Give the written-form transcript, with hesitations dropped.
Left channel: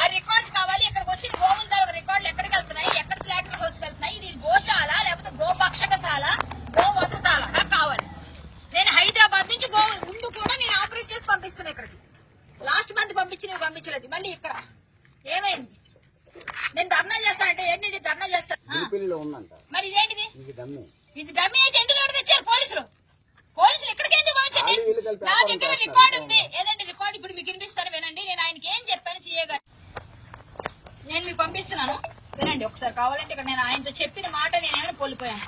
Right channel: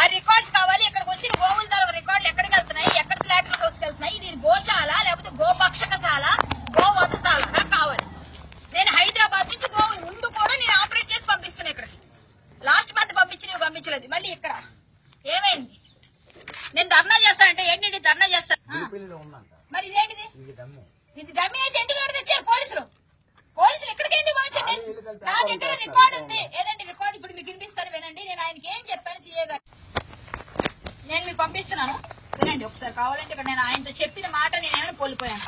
ఆ రికార్డ్స్ కావాలి. ఇక్కడికి వచ్చిన గోవుల తాలూకు రికార్డులు ఎక్కడికి వెళ్తున్నాయి, ఎక్కడ స్లాటర్ హౌస్ కి వెళ్తున్నాయి, ఇది గోశాల లేకపోతే గోపక్షకశాల, గోవధశాల నాకు కావాలి. నేను హైదరాబాద్ నుంచి గోవు ఉండు కూడా నేను ఆపరేట్ చేసి పంపిస్తున్నా ఇక్కడికి. లాస్ట్ మంత్ పంపించలేదు. మళ్ళీ ఇక్కడ ఏమైంది? నేను ధర్నా చేస్తానంటే ఏంటి ధర్నా చేస్తాను? మరి ఇదేంటిది? ఇది డమ్మీ అయితే ఎందుకు ఎవరు తెచ్చారు? పోలీసులు ఇక్కడికి ఎందుకు పంపించారు? నా దగ్గర రికార్డు ఉంది. ఏదండి రికార్డు? ఇప్పుడు మీకు వినిపిస్తాను వినండి. నేను ఆయనకి ఏం చెప్పాను సీఏ గారు, నేను మీకు పంపిస్తున్నాను వినండి ఒకసారి. కావాలంటే ఇక్కడ నేను ఆయనతో చెప్పిన మాట నేనేమైనా కోల్పోయాను.